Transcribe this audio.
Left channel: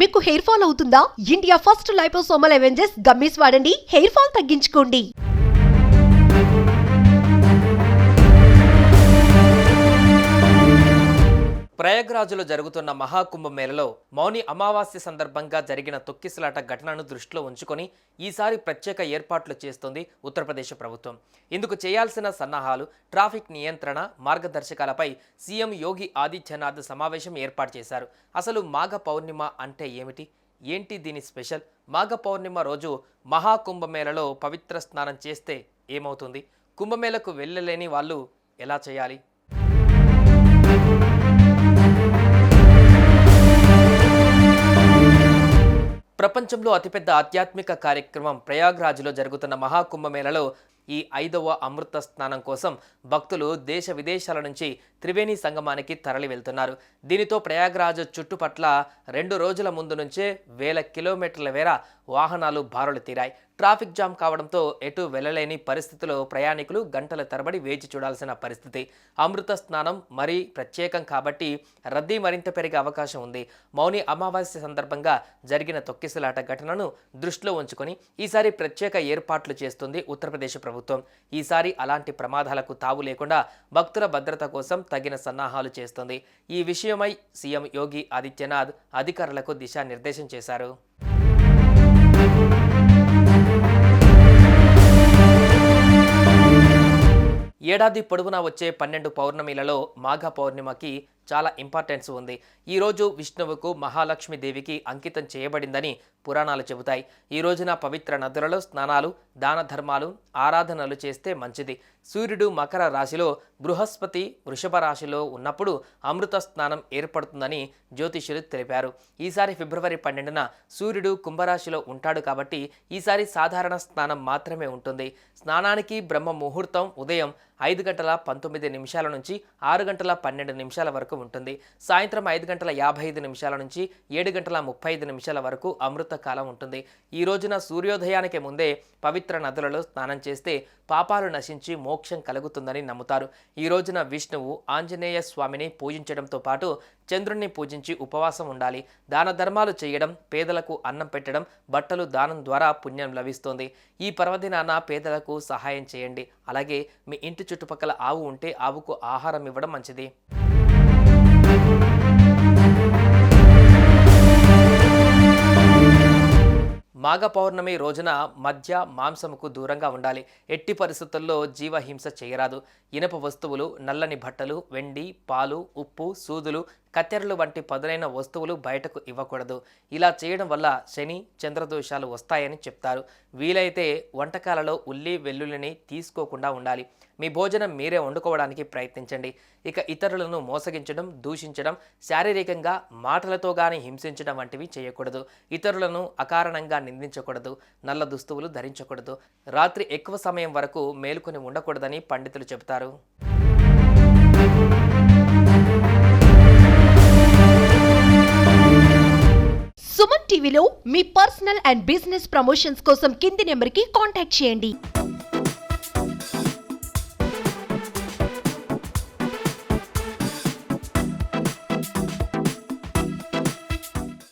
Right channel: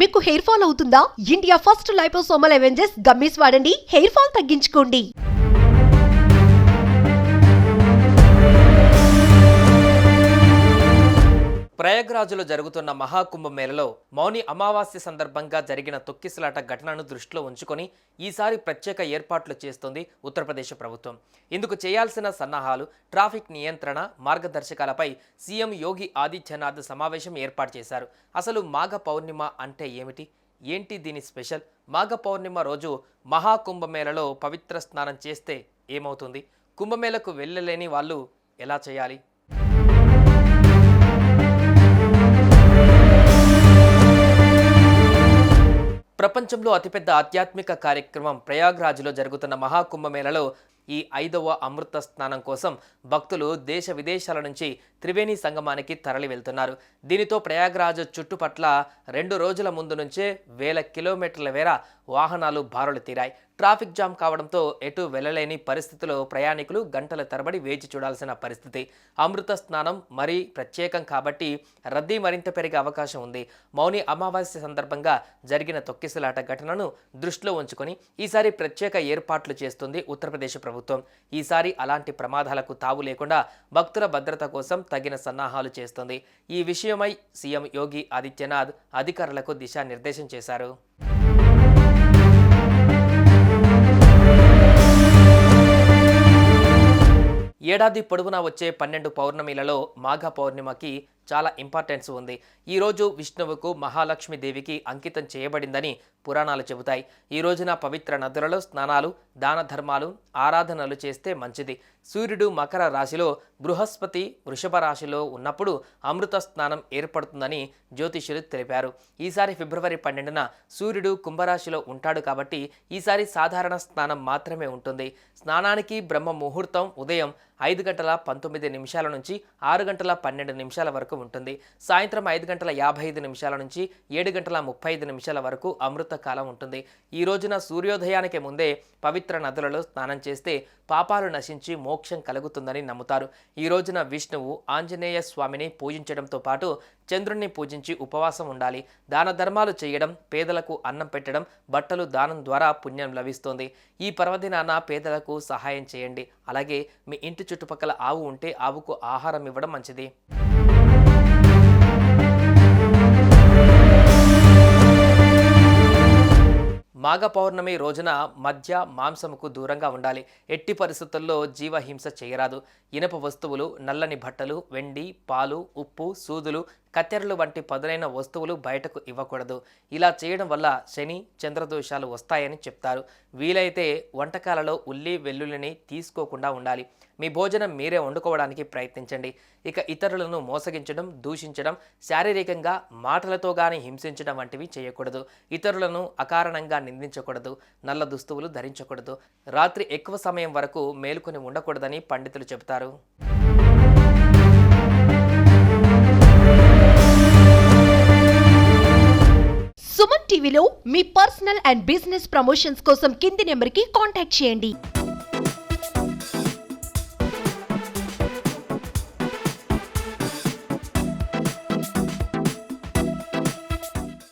మీకు hair fall అవుతుందా? India first liposomal Avengers gummies వాడండి, హెయిర్ ఫాల్ తగ్గించుకోండి. ప్రయాగ్రాజ్లో జరుగుతున్న మహాకుంభమేళలో మౌని అమావాస్య సందర్భంగా జరిగిన తొక్కిసలాట ఘటనను దృష్టిలో ఉంచుకొని ఈసారి ప్రత్యేక ఏర్పాట్లు చేస్తోంది ఉత్తరప్రదేశ్ ప్రభుత్వం. ఇందుకు చేయాల్సిన సన్నాహాలు, ట్రాఫిక్ నియంత్రణ, మార్గదర్శకాలపై సీఎం యోగి ఆదిత్యనాథ్ సమావేశం ఏర్పాటు చేశారు. అసలు మాఘ పౌర్ణిమ అంటే ఏమిటి? ఏంటి దీని స్పెషల్? మాఘ పౌర్ణిమ రోజు మహాకుంభమేళలో పవిత్ర స్నానం చేస్తే ఏమవుతుంది? కుంభమేళకు వెళ్ళలేని వాళ్ళు ఎలా చేయాలి? ప్రపంచంలో అతిపెద్ద ఆధ్యాత్మిక కార్యక్రమం ప్రయాగ్రాజ్లో జరుగుతున్న మహాకుంభమేళలో ఈ 5వ అమృత స్నానం కోసం భక్తులు దేశ విదేశాల నుంచి త్రివేణి సంగమానికి తరలి వెళ్తున్నారు. దీనితో ప్రయాగ్రాజ్ చుట్టుపట్ల 2 రోజుల ముందు నుంచే వేల కిలోమీటర్ల మేర వాహనాలు బారులు తీరాయి. ట్రాఫిక్ జామ్ కావడంతో ఎటు వెళ్లలేని పరిస్థితిలో ప్రయాణికులు గంటల తరబడి వేచి చూడాల్సిన పరిస్థితి. అమృత స్నానం మరీ ప్రత్యేకం కాబట్టి రద్దీ మరింత పెరిగే అవకాశం ఉంది. మౌని అమావాస్య సందర్భంగా జరిగిన తొక్కిసలాట ఘటనను దృష్టిలో ఉంచుకొని ఈసారి ప్రత్యేక ఏర్పాట్లు చేస్తుంది ఉత్తరప్రదేశ్ ప్రభుత్వం. ఈసారి అలాంటి ప్రమాదాలకు తావు లేకుండా భక్తుల భద్రత కోసం తగిన సన్నాహాలు చేస్తుంది. ఈ విషయమై సీఎం యోగి ఆదిత్యనాథ్ అధికారులకు దిశానిర్దేశం చేశారు. ఏడాది పొడవునా వచ్చే 12 పౌర్ణమిలలో మాఘ పౌర్ణిమకి చాలా ఇంపార్టెన్స్ ఉంది. ఈరోజు విష్ణువుకు మహాలక్ష్మీదేవికి అంకితం చేయబడిందని పురాణాలు చెబుతాయి. ఈ రోజున పవిత్ర నదులలో స్నానాలు, దాన ధర్మాలు, ఆరాధనలు చేస్తే మంచిది. సూర్యుడు మకర రాశిలో, బృహస్పతి వృషభ రాశిలో ఉన్నప్పుడు అమృత స్నానం ఏర్పడుతుందని జ్యోతిష్యులు తెలిపారు. ఈసారి ఫిబ్రవరి 12న సూర్యుడు కుంభరాశిలో ఉంటాడు కాబట్టి ఈసారి సాధారణ స్నానం మాత్రమే ఉంటుంది. స్నానానికి బ్రహ్మ ముహూర్తం ఉదయం 5:19 నుంచి 6:12 వరకు ఉంటుంది. సాయంత్రం 5:55 నుంచి 7:35 వరకు అమృత కాలం ఉంటుంది. ఈ రోజున సూర్యోదయానికి ముందే పవిత్ర నదులలో స్నానం చేస్తే పాపాలు నశించి మోక్షం కలుగుతుందని నమ్ముతారు. ఈ రోజున విష్ణువు, ఆంజనేయ స్వామిని పూజించడంతో పాటు చంద్రుణ్ణి పూజించి ఉపవాసం ఉండాలి. దాన ధర్మాలు చేయడం, పేదలకు అన్నం పెట్టడం, బట్టలు దానం ద్వారా పుణ్యం లభిస్తుంది. ఈ పర్వదినాన పేదలకు సహాయం చేయండి. అలాగే మీ ఇంటి చుట్టుపక్కల ఆవు ఉంటే ఆవుకు ఆహారం ఇవ్వడం మంచిది. మాఘ పౌర్ణమి రోజున మద్య, మాంసముకు దూరంగా ఉండాలి. ఎట్టి పరిస్థితుల్లో జీవహింస చేయరాదు. ఇనప వస్తువులు, నల్లని బట్టలు, వెండి, పాలు, ఉప్పు, సూదులు, కత్తెరలు వంటి పదునైన వస్తువులు బయటకు ఇవ్వకూడదు. ఇలా చేయడం వల్ల శని, చంద్రదోషాలు వస్తాయని చెప్తారు. వీలైతే వంటకాలలో ఉల్లి, వెల్లుల్లిని తీసుకోకుండా ఉండాలి. మీ భోజనం మీరే వండుకోవడానికి ప్రయత్నించండి. ఇక ఇతరులను మోసగించడం, దూషించడం, శారీరకంగా మాటలతో గాని హింసించడం వంటివి చేయకూడదు. ఇతరులను అకారణంగా నిందించకూడదు. నల్ల దుస్తువులు ధరించకూడదు. రాత్రి ఎక్కువ సమయం వరకు మేలుకొని ఉండకూడదని పండితులు చెబుతారు. సుమన్ టీవీలో మీ పర్సనల్ అండ్ బిజినెస్ ప్రమోషన్స్ కోసం కింది నెంబర్కి కాంటాక్ట్ చేయండి.